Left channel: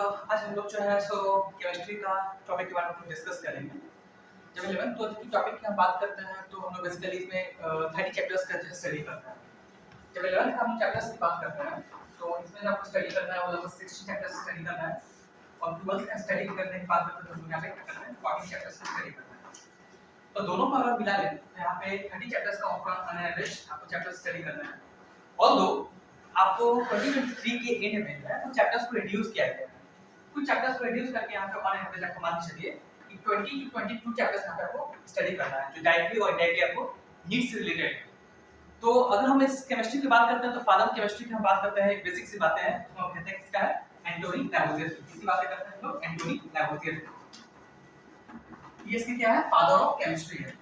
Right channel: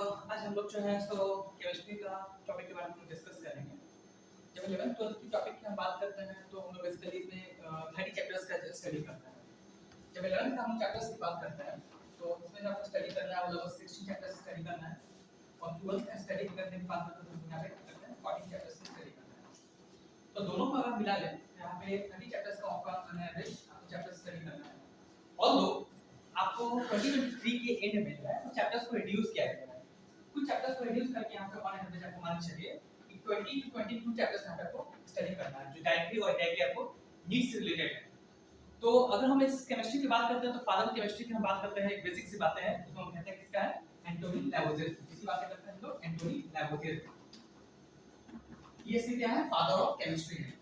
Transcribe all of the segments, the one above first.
आज हम लोग जो है सो केमिस्ट्री का टॉपिक के बारे में डिस्कस करेंगे। जब 11th 12th की टॉपिक की हम बात करते हैं तो हम लोग बेसिकली इसमें 30 चैप्टर्स का स्टडी करते हैं। जब 11th का हम चैप्टर्स की बात करते हैं तो इसमें आपको स्टडी करना है मतलब 16 चैप्टर्स स्टडी करना है और 12th का स्टडी करने के बाद तो हम यहाँ पे क्या करना है 40 चैप्टर्स की स्टडी करना है। तो दोनों को अगर मिला लें तो यहाँ पे 30 चैप्टर्स का ऑन एवरेज आपको चैप्टर्स स्टडी करना है। ऑल्दो आपको 2023 के एंड में है तो चैप्टर्स को रिड्यूस किया गया है। कुछ चैप्टर्स को रिड्यूस करके यहाँ पे ऑन एवरेज आपको मान चलिए कि 20 टू 22 चैप्टर्स यहाँ पे आपको स्टडी करना है जो डायरेक्टली और इनडायरेक्टली आपको नीट से रिलेटेड है। तो अगर हम इस केमिस्ट्री की बात करते हैं तो फादर केमिस्ट्री की हम बात करते हैं बेसिक सी बातें हैं तो हम कहते हैं किसका है एंटोनी लैवोसियर। किसकी बातें करते हैं हम लोग एंटोनी लैवोसियर। ये इसकी क्या है फादर ऑफ केमिस्ट्री है।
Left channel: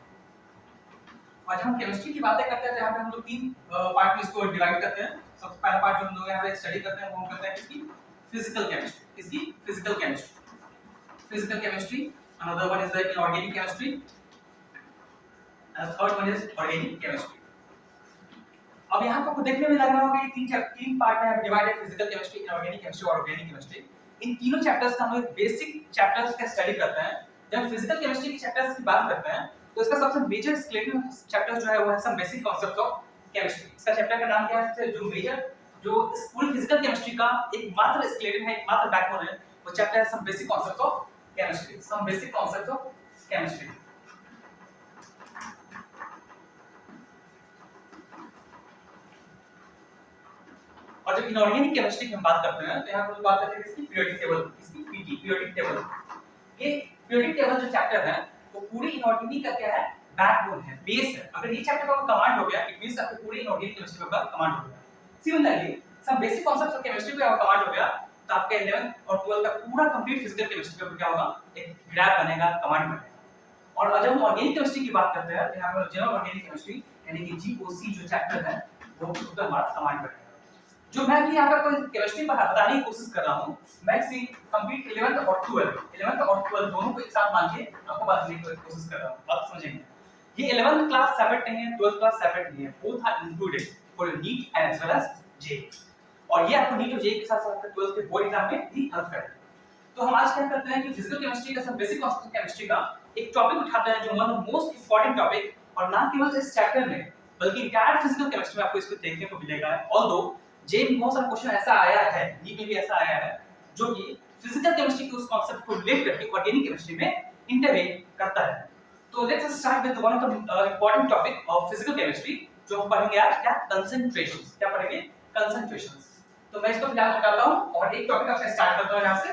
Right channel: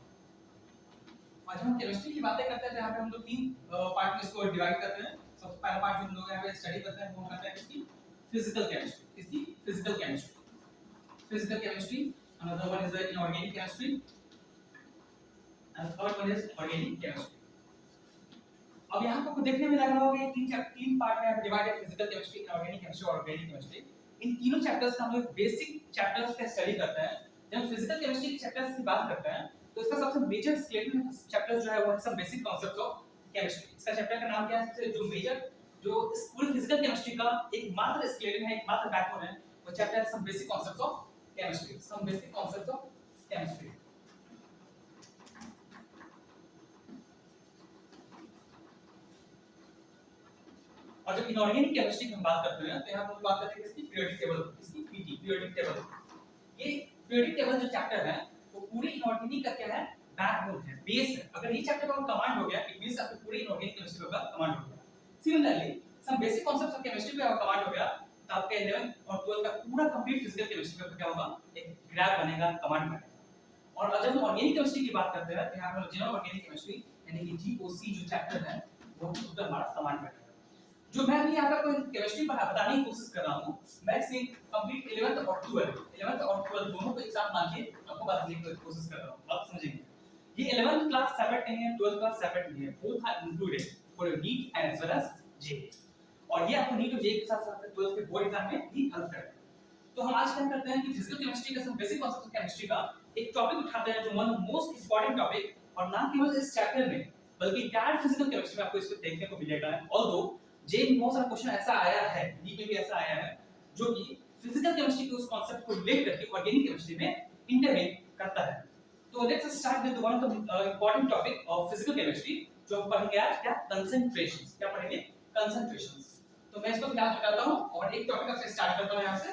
और जब हम केमिस्ट्री की बातें करते हैं तो यहाँ पे हम लोग तीन पार्ट में इसको डिवाइड करते हैं। सबसे पहला पार्ट जो हम लोग यहाँ पे स्टडी करते हैं वो हम करते हैं किसकी फिजिकल केमिस्ट्री। किसकी physical chemistry. Physical chemistry another one is the inorganic chemistry and third one is organic chemistry. अब यहाँ पे आपको देखने में लग रहा होगा ये तीन पार्ट में divided physical chemistry inorganic chemistry और ऑर्गेनिक केमिस्ट्री। इन तीनों चैप्टर्स का हम लोग बेसिक चैप्टर्स का स्टडी करते हैं। जब फिजिकल केमिस्ट्री के चैप्टर्स की बात करते हैं तो इसका सबसे मेजर स्केलेटन चैप्टर जो है वो है some basic concepts of chemistry. इसका चैप्टर का नाम क्या है जो मेजर जो इस पूरी फिजिकल केमिस्ट्री का एकमात्र स्केलेटन है एकमात्र बैकबोन है वो चैप्टर है some basic concepts of chemistry. Some basic concepts of chemistry. और जब इनऑर्गेनिक केमिस्ट्री की हम बात करते हैं तो यहाँ पर बात करते हैं किसकी पीरियोडिक टेबल किसकी पीटी पीरियोडिक टेबल। ये पीरियोडिक टेबल जो चैप्टर है वो पूरी इनऑर्गेनिक का क्या है बैकबोन है बेस है। अगर ये चैप्टर का कमांड हो गया इट मींस आपके पूरे इनऑर्गेनिक केमिस्ट्री का कमांड हो गया। Similarly some basic concepts of chemistry का कमांड हो गया तो आपके 11th और 12th का पूरा कंप्लीट फिजिकल केमिस्ट्री का क्या होगा एक ग्राफ बनेगा कमांड बनेगा। और जब हम ऑर्गेनिक केमिस्ट्री की बात करते हैं तो यहाँ पर जनरल ऑर्गेनिक केमिस्ट्री यानी कि जीओसी जो चैप्टर है वो उसका हमारा कमांड बनेगा। जो मैं भी यहाँ पर केमिस्ट्री बताने की कोशिश कर रहा हूँ मैं इसी कंप्लीट 11th और 12th दोनों को एक साथ मान के आपको बताने की कोशिश कर रहा हूँ। आप समझेंगे ये 11th क्लास सेपरेट नहीं है 12th क्लास सेपरेट नहीं है both are included for NEET and as well as J. और ये आपको नीट और जे के साथ साथ 12th के बोर्ड एग्जाम में भी हेल्प करेगा। तो हम आज क्या करते हैं कि फिजिकल केमिस्ट्री का सब बेसिक कांसेप्ट ऑफ केमिस्ट्री का एक टॉपिक उठाते हैं जो one of most important topic और ना केवल इस चैप्टर में बल्कि इंटायर फिजिकल केमिस्ट्री में आपको इसको देखने को मिलेगा। ऑल्दो जे में बहुत सारा क्वेश्चन ऐसा आया है नीट में भी ऐसा आया है जो कि फिजिकल केमिस्ट्री के उस कांसेप्ट को रिलेट करके ऑर्गेनिक केमिस्ट्री में इंटरवेन करता है। तो let's start with one of the important topic of physical chemistry जो हम पढ़ेंगे आज क्या कंसंट्रेशंस। क्या पढ़ेंगे कंसंट्रेशंस। तो मैं इसको फिलहाल हटाता हूं और एक टॉपिक आपसे स्टार्ट करता हूं यहां से।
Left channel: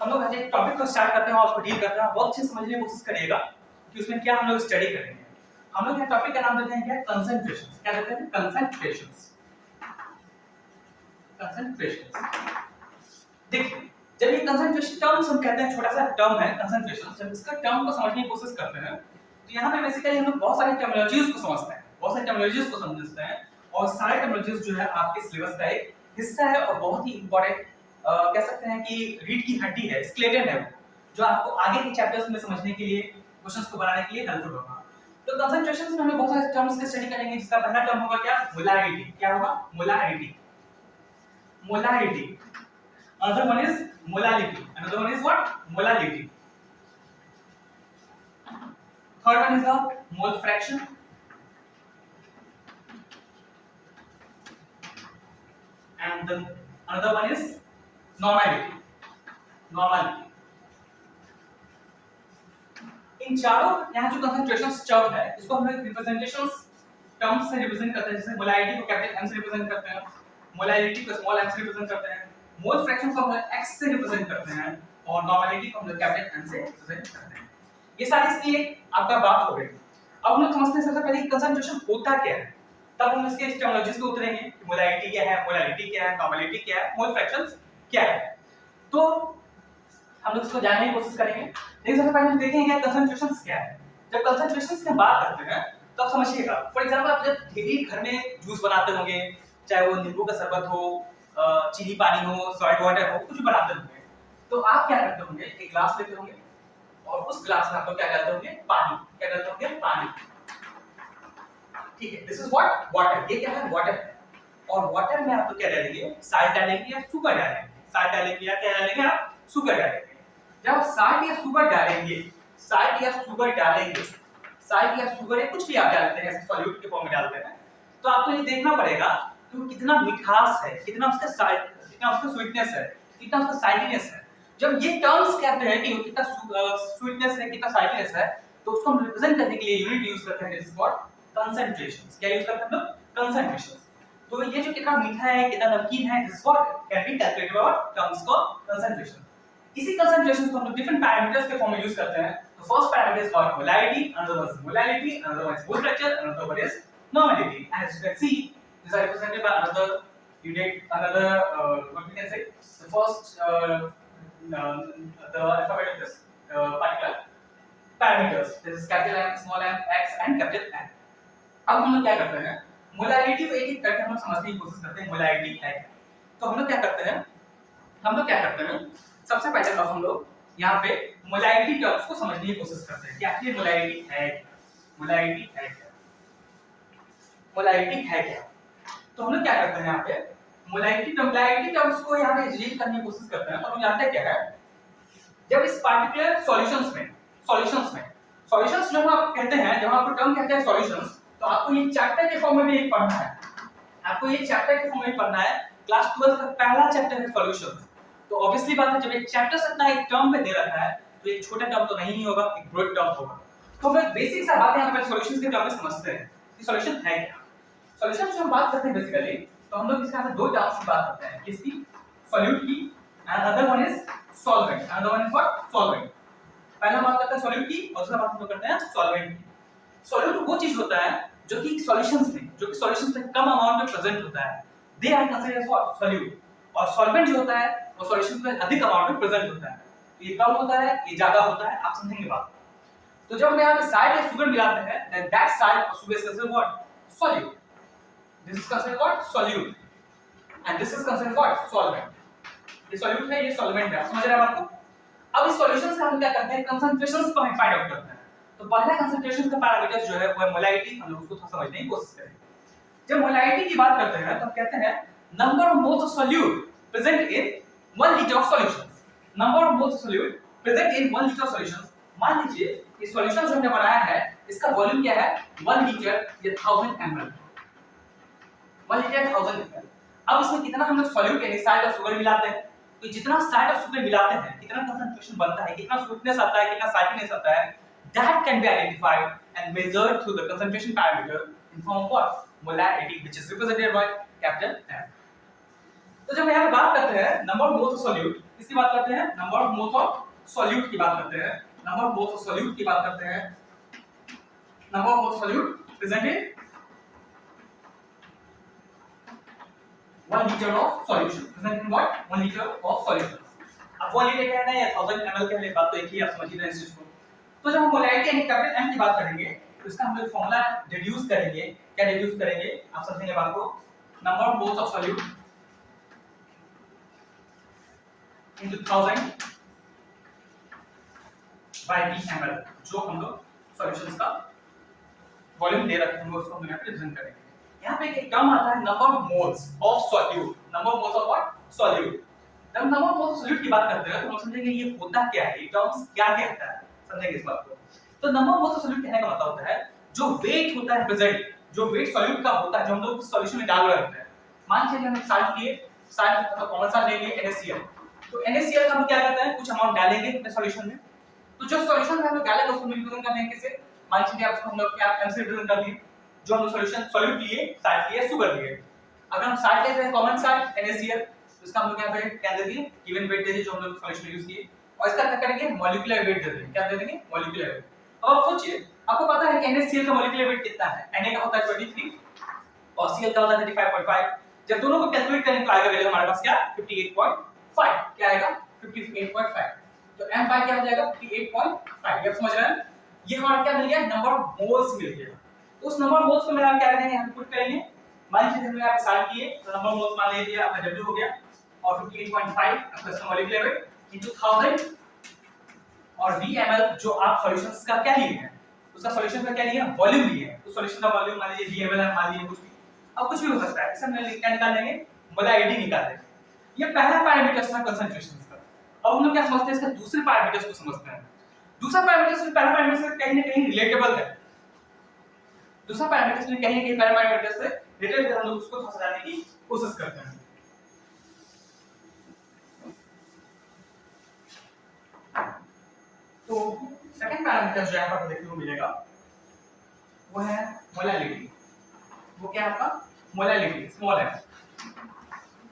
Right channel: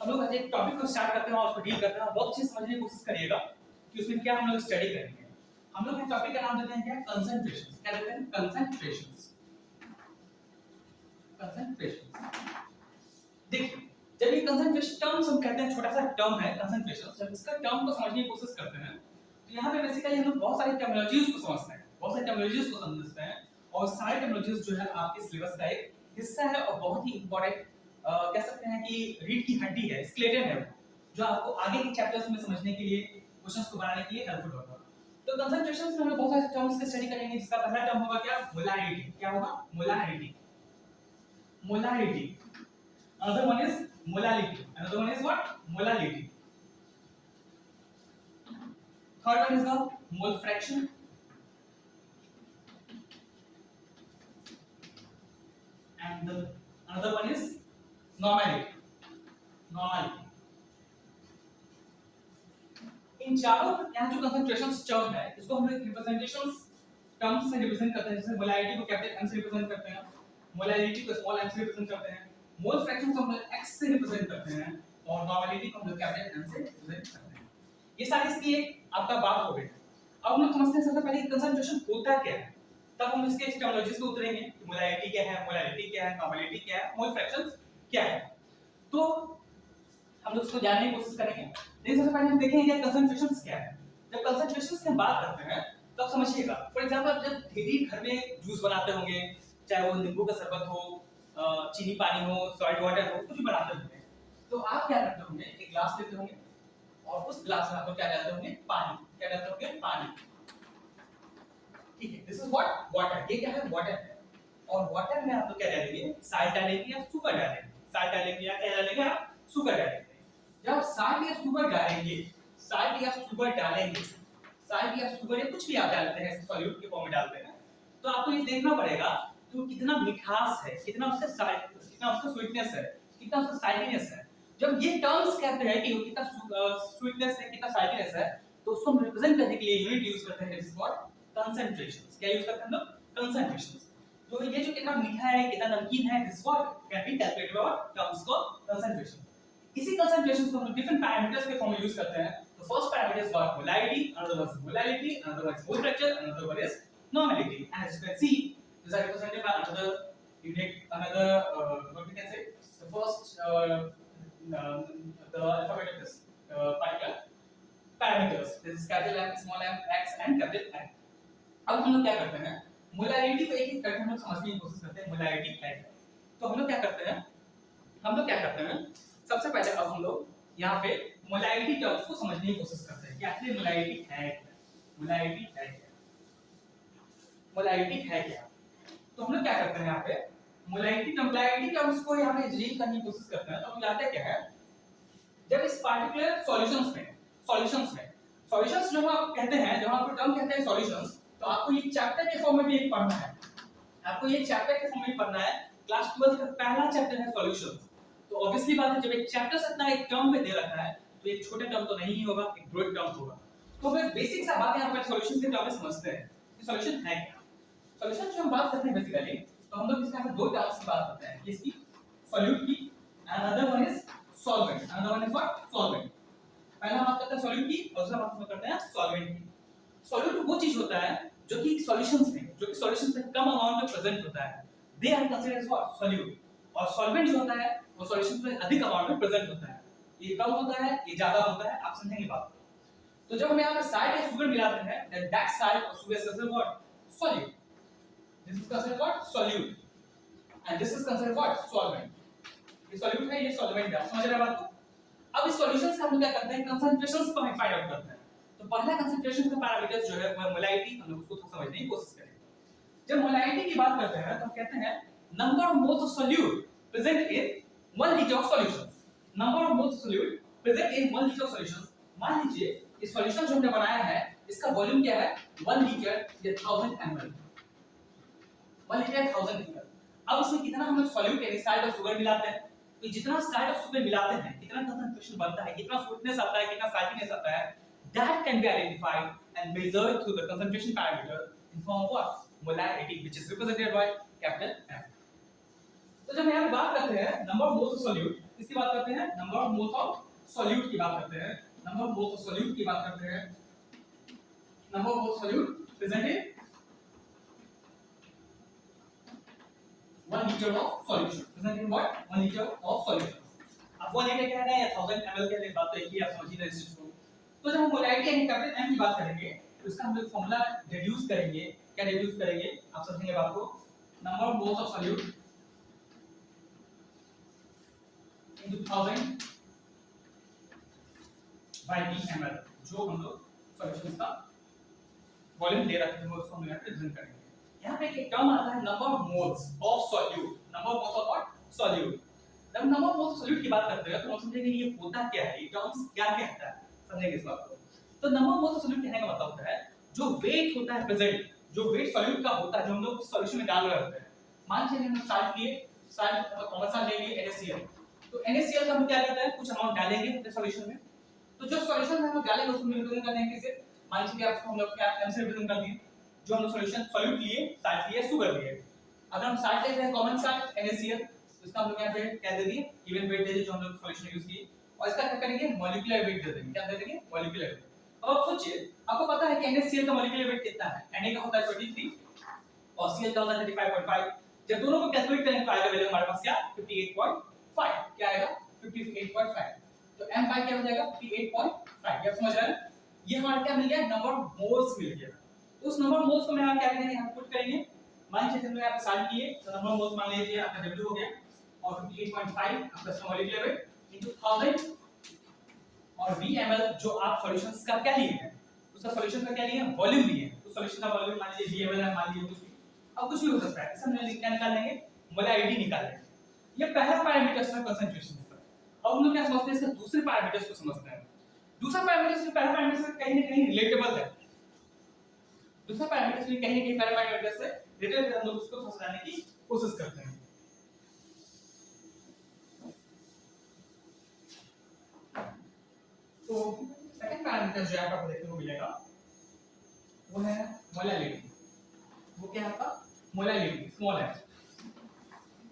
हम लोग आज एक टॉपिक को स्टार्ट करते हैं और उसको डील करते हैं। बहुत अच्छे से समझने की कोशिश करिएगा कि उसमें क्या हम लोग स्टडी करेंगे। हम लोग ये टॉपिक का नाम देते हैं क्या कंसंट्रेशंस। क्या देते हैं कंसंट्रेशंस। कंसंट्रेशंस देखिए जब ये कंसंट्रेशन टर्म्स हम कहते हैं छोटा सा टर्म है कंसंट्रेशन जब इसका टर्म को समझने की कोशिश करते हैं तो यहाँ पे बेसिकली हम लोग बहुत सारी टर्मिनोलॉजीज को समझते हैं बहुत सारी टर्मिनोलॉजीज को समझते हैं और सारे टर्मिनोलॉजीज जो है आपके सिलेबस का एक हिस्सा है और बहुत ही इंपॉर्टेंट कह सकते हैं कि रीढ़ की हड्डी है स्केलेटन है जो आपको आगे के चैप्टर्स में समझने के लिए क्वेश्चंस को बनाने के लिए हेल्पफुल होगा। तो कंसंट्रेशंस में हम बहुत सारे टर्म्स का स्टडी करेंगे जिसका पहला टर्म होगा क्या मोलैरिटी। क्या होगा molarity. Molarity another one is molality another one is what molality third one is the mole fraction and the another one is normality इन चारों यहाँ जो कंसंट्रेशंस टर्म है इसको हम लोग रिप्रेजेंटेशंस टर्म्स से रिप्रेजेंट करते हैं। जैसे मोलैरिटी को कैपिटल M से रिप्रेजेंट करते हैं मोलैरिटी को स्मॉल m से रिप्रेजेंट करते हैं मोल फ्रैक्शन को हम लोग x से रिप्रेजेंट करते हैं और नॉर्मलिटी को हम लोग कैपिटल N से रिप्रेजेंट करते हैं। ये सारी इसकी एक आपका बात हो गई। अब हम लोग समझते हैं सबसे पहले कंसंट्रेशन होता क्या है तब हम इसके टर्मिनोलॉजीज पे उतरेंगे कि मोलैरिटी क्या है मोलैरिटी क्या है नॉर्मलिटी क्या है मोल फ्रैक्शंस क्या है। तो हम लोग इसको जानने की कोशिश करेंगे लेकिन सबसे पहले हम देखेंगे कंसंट्रेशंस क्या है। जब कंसंट्रेशंस की बात करते हैं तो आप समझिएगा फॉर एग्जांपल आप जब डेली घर में जूस बनाते होंगे चाहे वो नींबू का शरबत हो चीनी पानी हो सॉल्ट वाटर हो कुछ बनाते होंगे तो आप क्या करते होंगे एक ग्लास लेते होंगे और उस ग्लास में आप क्या डालते होंगे पानी। क्या डालते होंगे पानी। ठीक है, दिस इज व्हाट वाटर, ये क्या है वाटर है। और वाटर में आप क्या डालेंगे, साल्ट डालेंगे या शुगर डालेंगे, साल्ट डालेंगे या क्या डालेंगे आप शुगर डालेंगे। जब आप साल्ट या शुगर डालेंगे, साल्ट या शुगर डालेंगे, साल्ट या शुगर या कुछ भी आप डालते हैं सॉल्यूट के फॉर्म में डालते हैं, तो आपको ये देखना पड़ेगा कि वो कितना मिठास है, कितना उसका साल्ट, कितना उसका स्वीटनेस है, कितना उसका साल्टीनेस है। जब ये टर्म्स कहते हैं कि वो कितना स्वीटनेस है, कितना साल्टीनेस है, तो उसको हम रिप्रेजेंट करने के लिए यूनिट यूज करते हैं, दिस इज व्हाट कंसंट्रेशंस। क्या यूज करते हैं हम लोग, कंसंट्रेशंस। तो ये जो कितना मीठा है, कितना नमकीन है, this what can be calculated by terms called concentration. इसी कंसंट्रेशंस को हम लोग डिफरेंट पैरामीटर्स के फॉर्म में यूज करते हैं। The first parameter is called molarity, another one is molality, another one is mole fracture, another one is normality. And as you can see, these are represented by another unit, another what we can say, the first the alphabet of this particular parameters. This is capital M, small m, x, and capital N. अब हम लोग क्या करते हैं, molarity को एक-एक करके हम लोग समझने की कोशिश करते हैं, मोलारिटी क्या है। तो हम लोग क्या करते हैं, सबसे पहले अब हम लोग यहाँ पे मोलारिटी टर्म्स को समझने की कोशिश करते हैं कि आखिर मोलारिटी है क्या, मोलारिटी है क्या, मोलारिटी है क्या। तो हम लोग क्या करते हैं यहाँ पे मोलारिटी टर्म्स को यहाँ पे रीड करने की कोशिश करते हैं। तो हम जानते हैं क्या है, जब इस पार्टिकुलर सॉल्यूशंस जो हम आप कहते हैं, जब आपको टर्म कहते हैं सॉल्यूशंस, तो आपको ये चैप्टर के फॉर्म में भी एक पढ़ना है, आपको ये चैप्टर के फॉर्म में पढ़ना है। क्लास 12 का पहला चैप्टर है सॉल्यूशंस। तो ऑब्वियसली बात है, जब एक चैप्टर से इतना एक टर्म पे दे रखा है, तो एक छोटा टर्म तो नहीं होगा, एक ब्रॉड टर्म होगा। तो फिर बेसिक सा बात यहां पे सॉल्यूशंस के टर्म में समझते हैं कि सॉल्यूशन है क्या। सॉल्यूशन जो हम बात करते हैं बेसिकली, तो हम लोग इसके अंदर दो टर्म्स की बात करते हैं, किसकी, सॉल्यूट की, and other one is solvent. Another one is what, solvent. पहला बात करते हैं सॉल्यूट की, और दूसरा बात हम लोग करते हैं सॉल्वेंट की। सॉल्यूट वो चीज होता है जो कि सॉल्यूशंस में कम अमाउंट में प्रेजेंट होता है, they are considered as what, solute. और सॉल्वेंट जो होता है वो सॉल्यूशंस में अधिक अमाउंट में प्रेजेंट होता है, तो ये कम होता है, ये ज्यादा होता है, आप समझेंगे बात। तो जब हम यहाँ पे साल्ट या शुगर मिलाते हैं, then that salt or sugar is considered what, solute. This is considered what, solute, and this is considered what, solvent. ये solute है, ये solvent है, समझ रहे हैं आपको। अब इस सॉल्यूशंस का हम क्या करते हैं, कंसंट्रेशंस को हम फाइंड आउट करते हैं। तो पहला कंसंट्रेशन का पैरामीटर जो है वो है मोलारिटी, हम लोग उसको थोड़ा समझने की कोशिश करेंगे। जब मोलारिटी की बात करते हैं तो हम कहते हैं number of moles of solute present in 1 litre of solutions. Number of moles of solute present in 1 litre of solutions. मान लीजिए ये सॉल्यूशन जो हमने बनाया है, इसका वॉल्यूम क्या है, 1 लीटर या 1000 ml, 1 लीटर 1000 ml। अब इसमें कितना हम लोग सोल्यूट यानी साल्ट और शुगर मिलाते हैं, तो जितना साल्ट और शुगर मिलाते हैं, कितना कंसंट्रेशन बनता है, कितना स्वीटनेस आता है, कितना साल्टीनेस आता है, that can be identified and measured through the concentration parameter in form of what, molarity, which is represented by capital M. तो जब यहाँ पे बात करते हैं number of moles of solute, किसकी बात करते हैं, number of moles of solute की बात करते हैं, number of moles of solute की बात करते हैं, number of moles of solute present in 1 liter of solution, present in what, 1 liter of solution। अब 1 लीटर कहना है या 1000 ml कहने बात तो एक ही, आप समझ ही रहे हैं इस चीज को। तो जब हम मोलारिटी यानी कैपिटल M की बात करेंगे, तो इसका हम लोग फार्मूला डिड्यूस करेंगे। क्या डिड्यूस करेंगे, आप समझेंगे बात को, number of moles of solute into 1000 by ml, जो हम लोग सॉल्यूशंस का वॉल्यूम दे रखे हैं उसको हम यहाँ पे रिप्रेजेंट करेंगे। यहाँ पे एक टर्म आता है number of moles of solute, number of moles of what, solute. जब number of moles of solute की बात करते हैं तो हम समझेंगे ये होता क्या है, ये टर्म्स क्या कहता है, समझेंगे इस बात को। तो number of moles of solute कहने का मतलब होता है जो वेट होता है प्रेजेंट, जो वेट सोल्यूट का होता है जो हम लोग सॉल्यूशन में डाल रहे होते हैं। मान लीजिए हमने साल्ट लिए, साल्ट मतलब कौन सा ले लिए, NaCl। तो NaCl का हम क्या करते हैं, कुछ अमाउंट डालेंगे अपने सॉल्यूशन में, तो जो सॉल्यूशन में हम लोग डालेंगे उसको रिप्रेजेंट करने के से मान लीजिए आप हम लोग क्या M से रिप्रेजेंट कर दिए, जो हम सॉल्यूशन सोल्यूट लिए, साल्ट लिए, शुगर लिए। अगर हम साल्ट लेते हैं कॉमन साल्ट NaCl, तो इसका हम लोग यहाँ पे क्या दे दिए, गिवन वेट दे दिए जो हम लोग सॉल्यूशन में यूज किए, और इसका क्या करेंगे, मॉलिक्यूलर वेट दे देंगे। क्या दे देंगे, मॉलिक्यूलर वेट। अब आप सोचिए, आपको पता है कि NaCl का मॉलिक्यूलर वेट कितना है, Na का होता है 23 और Cl का होता है 35.5। जब दोनों को कैलकुलेट करें तो आएगा वैल्यू हमारे पास क्या, 58.5। क्या आएगा, 58.5। तो M बाय क्या हो जाएगा, 58.5। आप समझ रहे हैं, ये हमारा क्या मिल गया, नंबर ऑफ मोल्स मिल गया। तो उस नंबर ऑफ मोल्स को मैं आप क्या करेंगे, हम पुट करेंगे। मान लीजिए हमने यहाँ पे साल्ट लिए, तो नंबर ऑफ मोल्स मान लीजिए आपका W हो गया, और 58.5 प्लस मॉलिक्यूलर वेट इनटू 1000 और V ml जो आप सॉल्यूशंस का क्या लिए हैं, उसका सॉल्यूशन का क्या लिए, वॉल्यूम लिए हैं, उस सॉल्यूशन का वॉल्यूम मान लीजिए VmL है, मान लीजिए कुछ भी, अब कुछ भी हो सकता है। इससे हम क्या निकाल लेंगे, मोलैलिटी निकाल लेंगे। ये पहला पैरामीटर था कंसंट्रेशन का। अब हम लोग क्या समझते हैं, इसके दूसरे पैरामीटर्स को समझते हैं। दूसरा पैरामीटर से पहला पैरामीटर से कहीं ना कहीं रिलेटेबल है, दूसरा पैरामीटर से कहीं ना कहीं पहला पैरामीटर से रिलेटेड, हम लोग उसको समझने की कोशिश करते हैं। तो सेकंड पैरामीटर जो यहाँ पर देखने को मिलेगा वो है मोलैलिटी। वो क्या है आपका, मोलैलिटी स्मॉल है।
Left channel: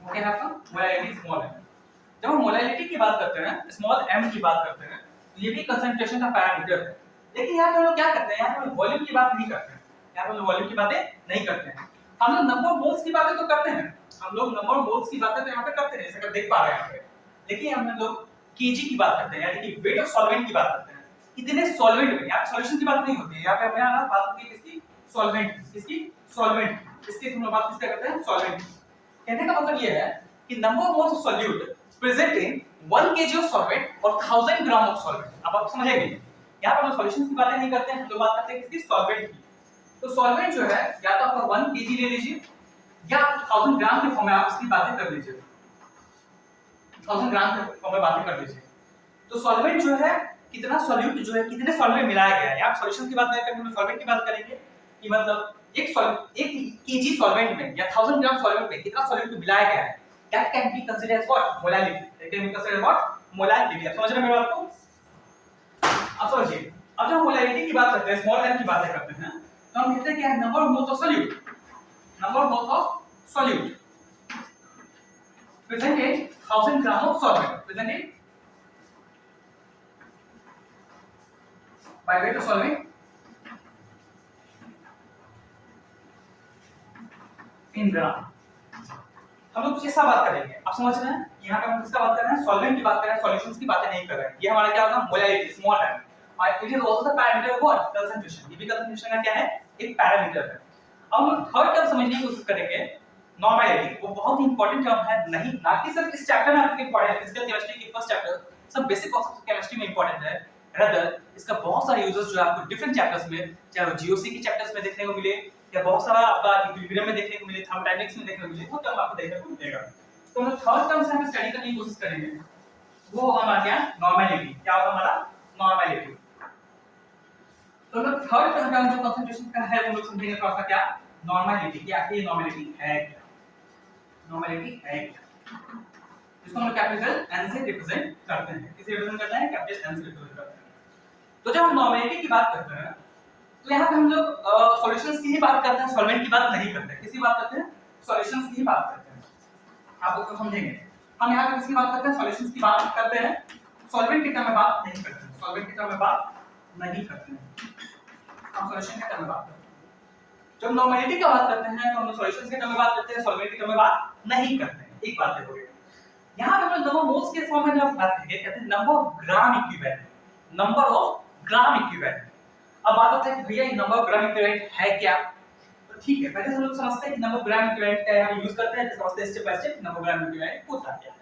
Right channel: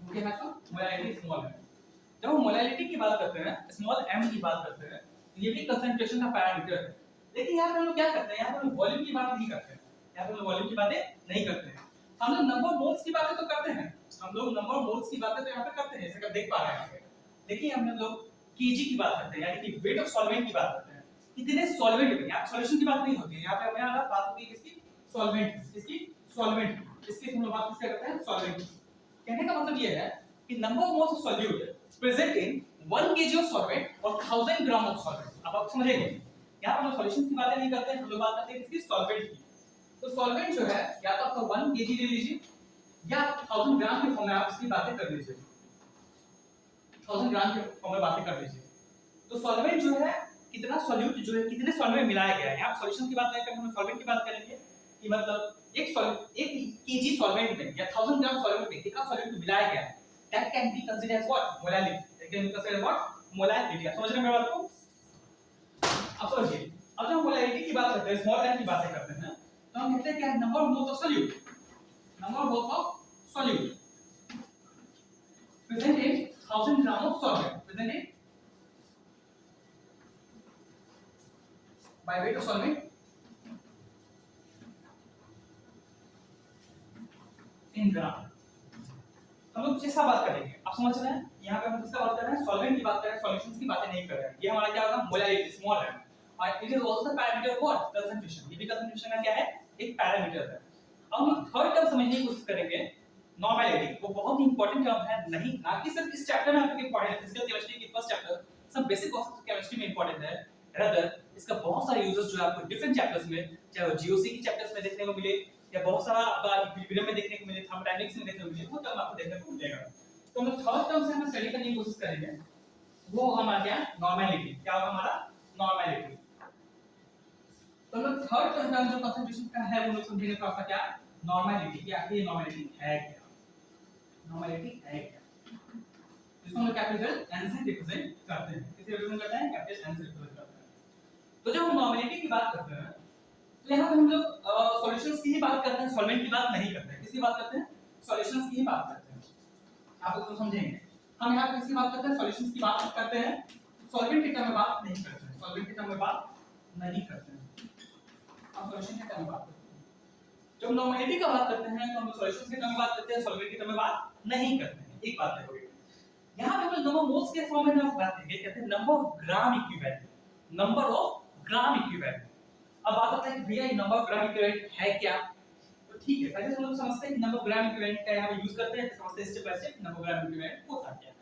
वो क्या है आपका, मोलैलिटी स्मॉल है। जब हम मोलैलिटी की बात करते हैं, स्मॉल m की बात करते हैं, तो ये भी कंसंट्रेशन का पैरामीटर है। लेकिन यहाँ पे हम लोग क्या करते हैं, यहाँ पे वॉल्यूम की बात नहीं करते हैं, यहाँ पे हम लोग वॉल्यूम की बातें नहीं करते हैं। हम लोग नंबर ऑफ मोल्स की बातें तो करते हैं, हम लोग नंबर ऑफ मोल्स की बातें तो यहाँ पे करते हैं, जैसे आप देख पा रहे हैं यहाँ पे। लेकिन हम लोग केजी की बात करते हैं, यानी कि वेट ऑफ सॉल्वेंट की बात करते हैं। कितने सॉल्वेंट में, यहाँ सॉल्यूशन की बात नहीं होती है, यहाँ पे हमें बात होती है किसकी, सॉल्वेंट, किसकी, सॉल्वेंट। इसके हम लोग बात किसका करते हैं, सॉल्वेंट। कहने का मतलब ये है कि number of moles of solute present in 1 kg of solvent और 1000 ग्राम ऑफ सॉल्वेंट। अब आप समझेंगे, यहाँ पर हम सॉल्यूशंस की बातें नहीं करते हैं, हम लोग बात करते हैं किसकी, सॉल्वेंट की। तो सॉल्वेंट जो है या तो आपका 1 kg ले लीजिए या 1000 ग्राम के फॉर्म में आप इसकी बातें कर लीजिए, 1000 ग्राम के फॉर्म में बातें कर लीजिए। तो सॉल्वेंट जो है, कितना सॉल्यूट जो है, कितने सॉल्वेंट मिलाया गया है, आप सॉल्यूशन की बात नहीं करेंगे, हम सॉल्वेंट की बात करेंगे कि मतलब एक kg सॉल्वेंट में या 1000 ग्राम सॉल्वेंट में कितना सॉल्यूट मिलाया गया है, that can be considered as what, molality. That can be considered what, molality. आप समझ रहे हैं मेरी बात को? अब समझिए, अब जब हम मोलैलिटी की बात करते हैं, स्मॉल m की बातें करते हैं, तो हम कहते हैं क्या है, number of moles of solute, number of moles of solute present in 1000 gram of solvent, present in by weight of solvent in gram. हम लोग किसका बात करेंगे, आप समझ रहे हैं, यहाँ पे हम किसका बात कर रहे हैं, सॉल्वेंट की बात कर रहे हैं, सॉल्यूशंस की बातें नहीं कर रहे हैं। ये हमारा क्या होगा, मोलैलिटी स्मॉल है, और it is also the parameter of what, concentration. ये भी कंसंट्रेशन का क्या है, एक पैरामीटर है। अब हम थर्ड टर्म समझने की कोशिश करेंगे, नॉर्मेलिटी। वो बहुत ही इंपॉर्टेंट टर्म है, नहीं ना कि सिर्फ इस चैप्टर में आपके इंपॉर्टेंट है, फिजिकल केमिस्ट्री की फर्स्ट चैप्टर सब बेसिक कॉन्सेप्ट्स ऑफ केमिस्ट्री में इंपॉर्टेंट है, रदर इसका बहुत सारे यूजेस जो आपको डिफरेंट चैप्टर्स में, चाहे वो जीओसी के चैप्टर्स में देखने को मिले या बहुत सारा आपका इक्विलिब्रियम में देखने को मिले, थर्मोडायनामिक्स में देखने को मिले, वो टर्म आपको देखने को मिलेगा। तो हम थर्ड टर्म से हम स्टडी करने की कोशिश करेंगे, वो होगा हमारा क्या, नॉर्मेलिटी। क्या होगा हमारा, नॉर्मेलिटी। तो हम थर्ड टर्म जो कंसंट्रेशन का है वो लोग समझेंगे थोड़ा सा, क्या नॉर्मेलिटी, क्या ये नॉर्मेलिटी है, क्या नॉर्मेलिटी है, क्या इसको हम कैपिटल n से रिप्रेजेंट करते हैं, किसे रिप्रेजेंट करते हैं, कैपिटल n से रिप्रेजेंट करते हैं। तो जब हम नॉर्मेलिटी की बात करते हैं तो यहाँ पे हम लोग सॉल्यूशंस की ही बात करते हैं, सॉल्वेंट की बात नहीं करते हैं। किसकी बात करते हैं, सॉल्यूशंस की ही बात करते हैं। आप उसको समझेंगे, हम यहाँ पे किसकी बात करते हैं, सॉल्यूशंस की बात करते हैं, सॉल्वेंट के टर्म में बात नहीं करते हैं, सॉल्वेंट के टर्म में बात नहीं करते हैं, हम सॉल्यूशन के टर्म में बात करते हैं। जब नॉर्मेलिटी की बात करते हैं तो हम सॉल्यूशंस के टर्म में बात करते हैं, सॉल्वेंट के टर्म में बात नहीं करते हैं। एक बात देखोगे, यहाँ पे हम नंबर मोल्स के फॉर्म में जब बात करेंगे, कहते हैं number of gram equivalent, number of gram equivalent. अब बात होता है कि भैया ये नंबर ऑफ ग्राम इक्विवेलेंट है क्या, तो ठीक है, पहले हम लोग समझते हैं कि नंबर ऑफ ग्राम इक्विवेलेंट क्या है, हम यूज करते हैं, तो समझते हैं step by step number of gram equivalent होता क्या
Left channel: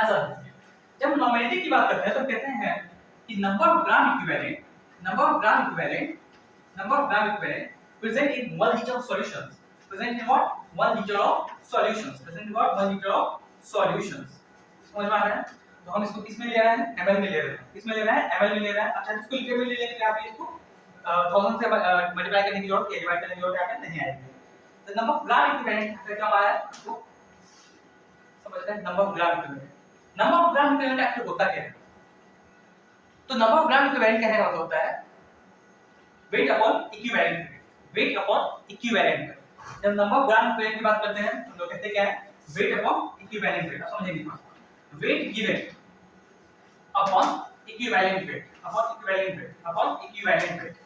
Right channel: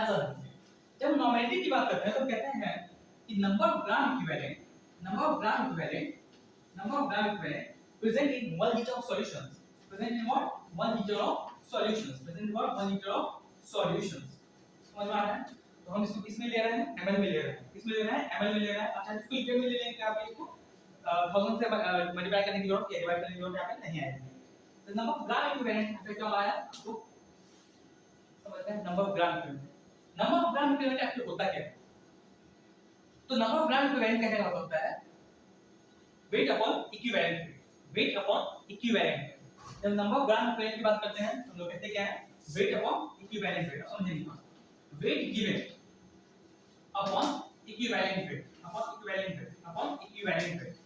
है। जब नॉर्मेलिटी की बात करते हैं तो कहते हैं कि number of gram equivalent, number of gram equivalent, number of gram equivalent present in 1 liter of solutions, present in what, 1 liter of solutions, present in what, 1 liter of solutions। समझ में आ रहा है, तो हम इसको किस में ले रहे हैं, ml में ले रहे हैं, किस में ले रहे हैं, ml में ले रहे हैं। अच्छा, इसको लीटर में ले लेंगे, आप इसको 1000 से मल्टीप्लाई करने की जरूरत है, डिवाइड करने की जरूरत है नहीं आएगी। तो नंबर ऑफ ग्राम इक्विवेलेंट यहाँ पे क्या आया, वो समझते हैं number of gram equivalent. Number of gram equivalent actually होता क्या है, तो नंबर ऑफ ग्राम इक्विवेलेंट कहने का मतलब होता है weight upon equivalent weight, weight upon equivalent weight. जब नंबर ऑफ ग्राम इक्विवेलेंट की बात करते हैं हम लोग कहते हैं क्या है, वेट अपॉन इक्विवेलेंट वेट। समझेंगे, wait given upon equivalent weight, upon equivalent weight, upon equivalent weight,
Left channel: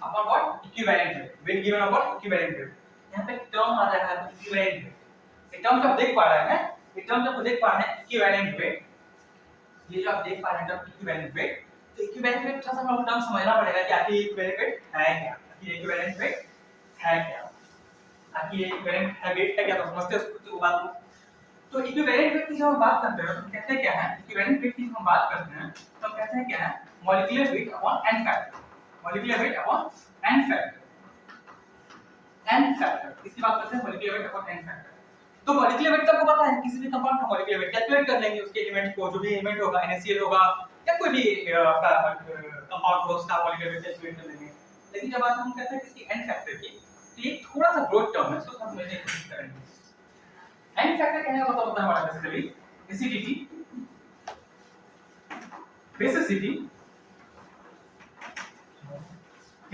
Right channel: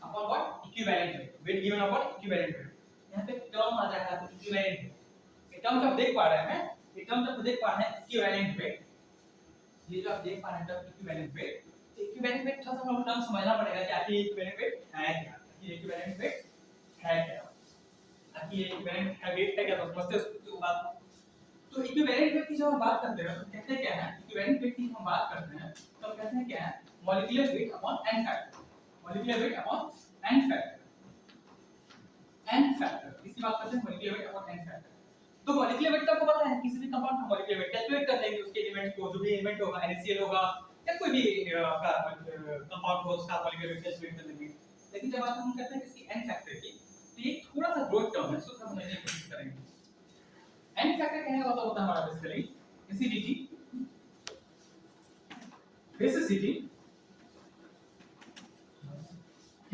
upon what, equivalent weight, wait given upon equivalent weight. यहां पे टर्म आ रहा है इक्विवेलेंट वेट, ये टर्म जो आप देख पा रहे हैं, ये टर्म जो आप देख पा रहे हैं इक्विवेलेंट वेट, ये जो आप देख पा रहे हैं टर्म इक्विवेलेंट वेट। तो इक्विवेलेंट वेट थोड़ा सा हम टर्म समझना पड़ेगा कि आखिर इक्विवेलेंट वेट है क्या, आखिर इक्विवेलेंट वेट है क्या, आखिर ये इक्विवेलेंट है वेट है क्या, तो समझते हैं उसको बात को। तो इक्विवेलेंट वेट की जब हम बात करते हैं तो कहते हैं क्या है, इक्विवेलेंट वेट की हम बात करते हैं तो कहते हैं क्या है, molecular weight upon N factor, molecular weight upon N factor. n factor. इसकी बात करते हैं molecular weight upon n factor. तो मॉलिक्यूलर वेट आपको पता है, किसी भी कंपाउंड का मॉलिक्यूलर वेट कैलकुलेट कर लेंगे, उसके एलिमेंट को, जो भी एलिमेंट होगा, NaCl होगा या कोई भी आपका कंपाउंड हो, उसका मॉलिक्यूलर वेट कैलकुलेट कर लेंगे। लेकिन जब बात हम करते हैं किसी n फैक्टर की, तो ये थोड़ा सा ब्रॉड टर्म है, इसको समझने की कोशिश करेंगे। n फैक्टर कहने का मतलब होता है हमारा बेसिकली एसिडिटी, बेसिसिटी,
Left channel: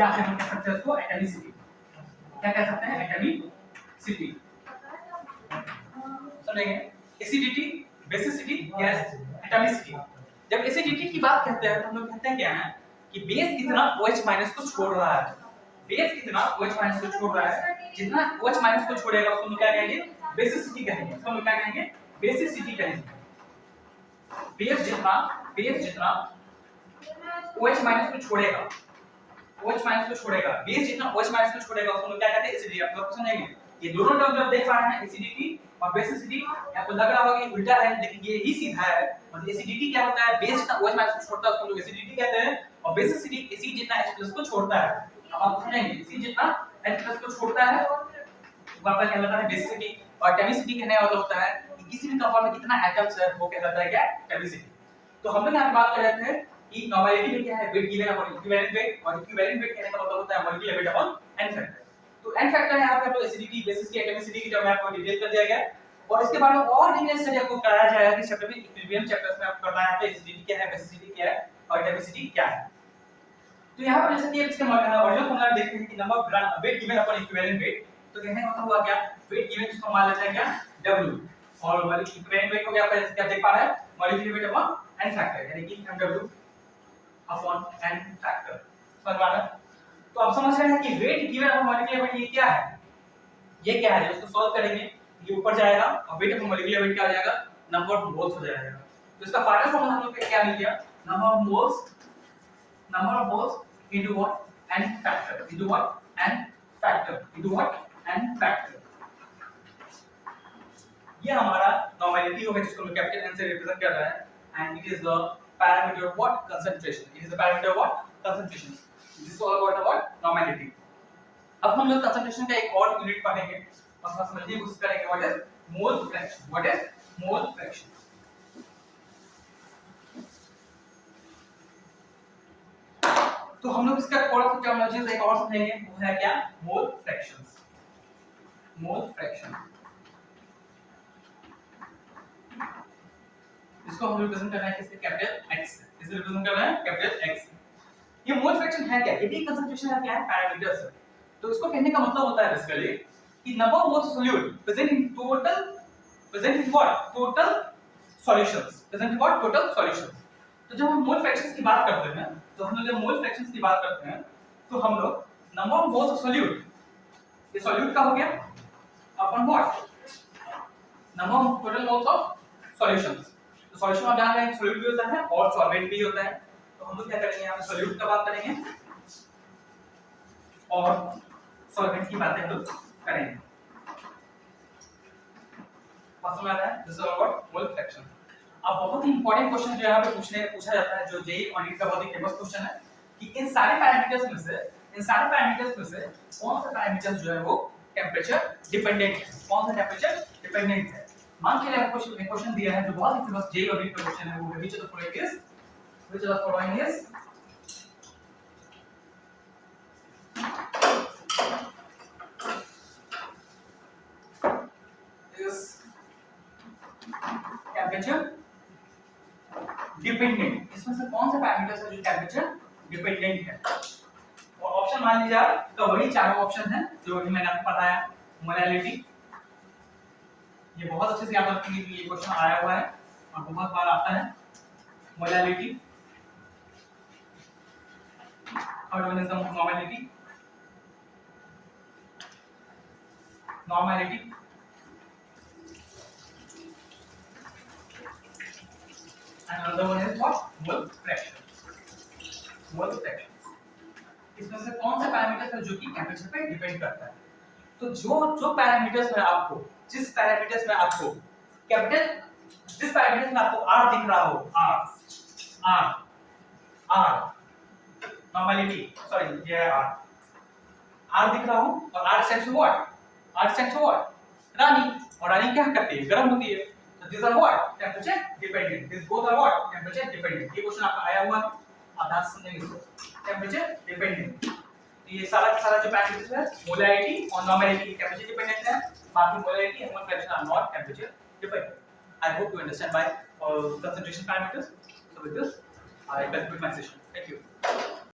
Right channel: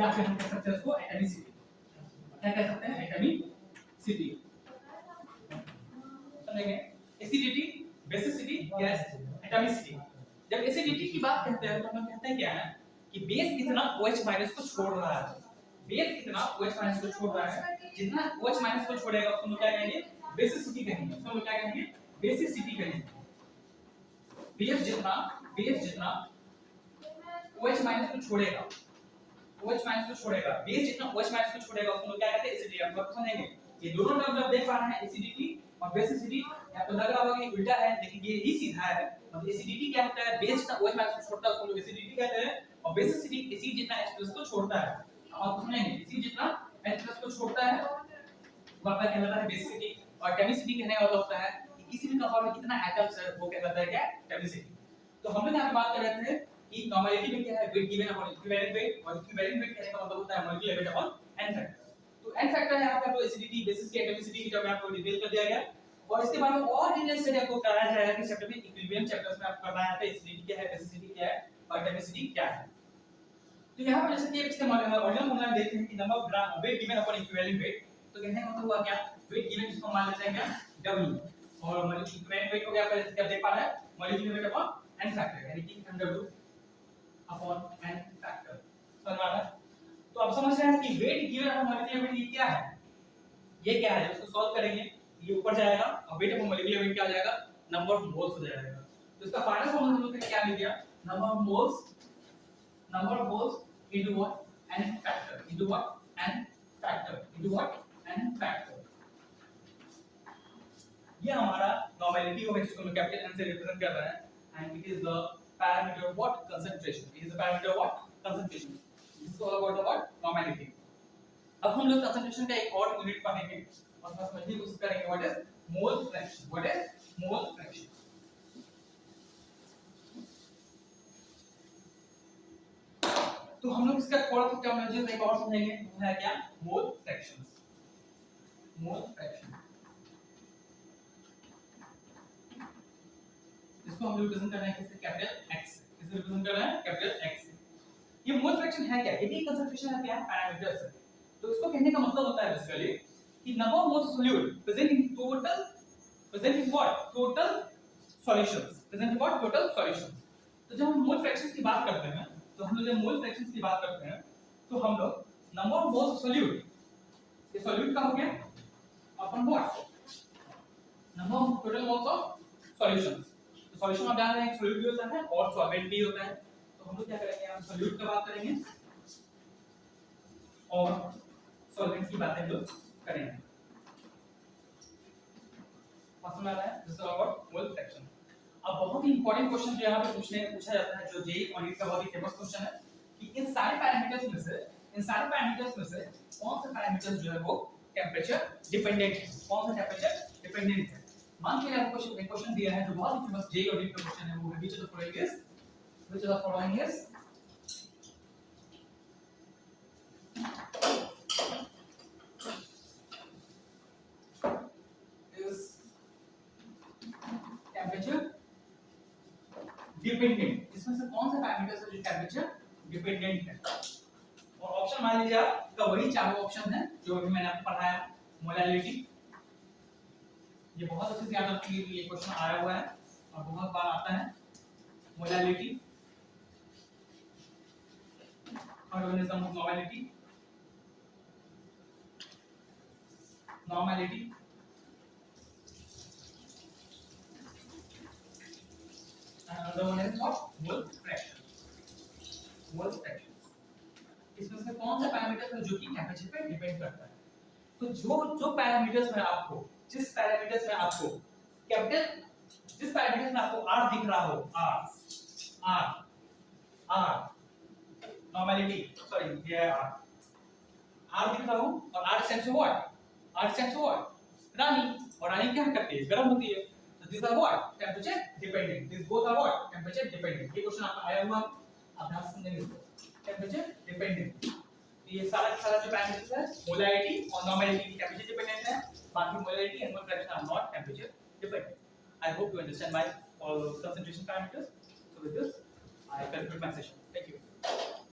या फिर हम कह सकते हैं उसको एटॉमिसिटी। क्या कह सकते हैं? एटॉमिसिटी। समझेंगे? Acidity, basicity, gas, atomicity. जब एसिडिटी की बात करते हैं तो हम लोग कहते हैं क्या है कि बेस कितना OH- को छोड़ रहा है। बेस कितना OH- को छोड़ रहा है, जितना OH- को छोड़ेगा उसको हम क्या कहेंगे? बेसिसिटी कहेंगे। उसको हम क्या कहेंगे? बेसिसिटी कहेंगे। बेस जितना OH- को छोड़ेगा, OH- को छोड़ेगा, बेस जितना OH- को छोड़ेगा उसको क्या कहते हैं? एसिडिटी। आप लोग समझेंगे? ये दोनों टर्म जो आप देख पा रहे हैं, एसिडिटी और बेसिसिटी, आपको लग रहा होगा कि उल्टा है, लेकिन ये ही सीधा है। मतलब एसिडिटी क्या होता है? बेस जितना OH- को छोड़ता है उसको लोग एसिडिटी कहते हैं, और बेसिसिटी एसिड जितना H+ को छोड़ता है। अब आप समझेंगे, एसिड जितना H+ को छोड़ता है वो आपका कहलाता है बेसिसिटी, और केमिसिटी कहने का मतलब होता है कि किसी भी कंपाउंड में कितना एटम्स है, वो कहलाता है क्या? केमिसिटी। तो हम लोग यहाँ पे बात कर रहे थे कि नॉर्मेलिटी में क्या है? Wait given upon equivalent weight, और इक्विवेलेंट वेट कहने का मतलब होता है molecular weight upon n factor. तो n फैक्टर है यहाँ पे आपको एसिडिटी, बेसिसिटी, एटॉमिसिटी की जब आपको डिटेल कर दिया गया है, और इसके बारे में और डिटेल स्टडी आपको कराया जाएगा कि चैप्टर में, इक्विलिब्रियम चैप्टर्स में आपको करना है कि एसिडिटी क्या है, बेसिसिटी क्या है और एटॉमिसिटी क्या है। तो यहाँ पर जैसे कि इसके ओरिजिनल फॉर्मूला देखते हैं कि number of gram weight given upon equivalent weight, तो कहने का मतलब हुआ क्या? वेट गिवन जिसको मान लेते हैं क्या? W, और इक्विवेलेंट वेट को क्या देख पा रहे हैं? Molecular weight upon n factor, यानी कि mW अपॉन n फैक्टर। समझ में आ रहा है? तो आप समझ रहे हैं कि wait given upon molecular weight ये क्या है? ये क्या है? जब इसको सॉल्व करेंगे ये ऊपर जाएगा और वेट अपॉन मॉलिक्यूलर वेट क्या हो जाएगा? नंबर ऑफ मोल्स हो जाएगा। तो इसका फाइनल फॉर्मूला हम लोग को क्या मिल गया? Number of moles into what? n factor into what? n factor into what? n factor। ये हमारा नॉर्मेलिटी होगा जिसको हम कैपिटल N से रिप्रेजेंट कर रहे हैं, and it is the parameter of what? Concentration। it is the parameter of what? Concentration। this is all about the what? Normality। अब हम लोग कंसंट्रेशन का एक और यूनिट पढ़ेंगे और उसका समझने की कोशिश करेंगे, what is mole fraction. What is mole fraction? तो हम लोग इसका थोड़ा सा टर्मिनोलॉजी एक और समझेंगे, वो है क्या? मोल फ्रैक्शंस। मोल फ्रैक्शन इसको हम रिप्रेजेंट कर रहे हैं किससे? कैपिटल X से। किससे रिप्रेजेंट कर रहे हैं? कैपिटल X से। ये मोल फ्रैक्शन है क्या? ये भी कंसंट्रेशन है, क्या है? पैरामीटर्स है। तो इसको कहने का मतलब होता है बेसिकली कि number of moles solute present in total, present in what? Total solutions. Present in what? Total solutions. तो जब हम मोल फ्रैक्शंस की बात करते हैं, तो हम लोग जब मोल फ्रैक्शंस की बात करते हैं तो हम लोग number of moles of solute, ये सोल्यूट का हो गया, अपन what? Number of total moles of solutions. तो सॉल्यूशन में जान रहे हैं सोल्यूट भी होता है और सॉल्वेंट भी होता है। तो हम लोग क्या करेंगे, यहां पे सोल्यूट का बात करेंगे और सॉल्वेंट की बातें हम लोग करेंगे। समझ में आ रहा है? This is about mole fraction. अब बहुत ही इंपॉर्टेंट क्वेश्चन जो यहाँ पे पूछा जाता है, जो जेईई ऑडिट का बहुत ही फेमस क्वेश्चन है कि इन सारे पैरामीटर्स में से कौन सा पैरामीटर्स जो है वो टेंपरेचर डिपेंडेंट है? कौन सा टेंपरेचर डिपेंडेंट है? मान के लिए आपको क्वेश्चन दिया है जो बहुत ही फेमस जेईई ऑडिट का क्वेश्चन है, वो है which of the following is temperature dependent. इसमें से कौन सा पैरामीटर्स है जो टेंपरेचर डिपेंडेंट है? और ऑप्शन मान लीजिए आपका वही चारों ऑप्शन है जो अभी मैंने आपको बताया। मोलैलिटी, ये बहुत अच्छे से याद रखेंगे कि ये क्वेश्चन आया हुआ है और बहुत बार आता है। Molality, third one is the normality, and another one is what? Mole fraction. Mole fraction इसमें से कौन सा पैरामीटर है जो कि टेंपरेचर पे डिपेंड करता है? तो जो पैरामीटर्स में आपको, जिस पैरामीटर्स में आपको कैपिटल, जिस पैरामीटर्स में आपको R दिख रहा हो, R नॉर्मेलिटी, सॉरी ये है R, आर दिख रहा हूँ और R stands for what? R stands for what? रानी, और रानी क्या करती है? गर्म होती है। So these are what? Temperature dependent. These both are what? Temperature dependent. ये क्वेश्चन आपका आया हुआ है, आप ध्यान से समझेंगे इसको। Temperature dependent. ये सारा का सारा जो पैरामीटर्स है, मोलैरिटी और नॉर्मैलिटी टेम्परेचर डिपेंडेंट है, बाकी molarity and fraction are not temperature dependent. I hope you understand my concentration parameters. So with this, I conclude my session.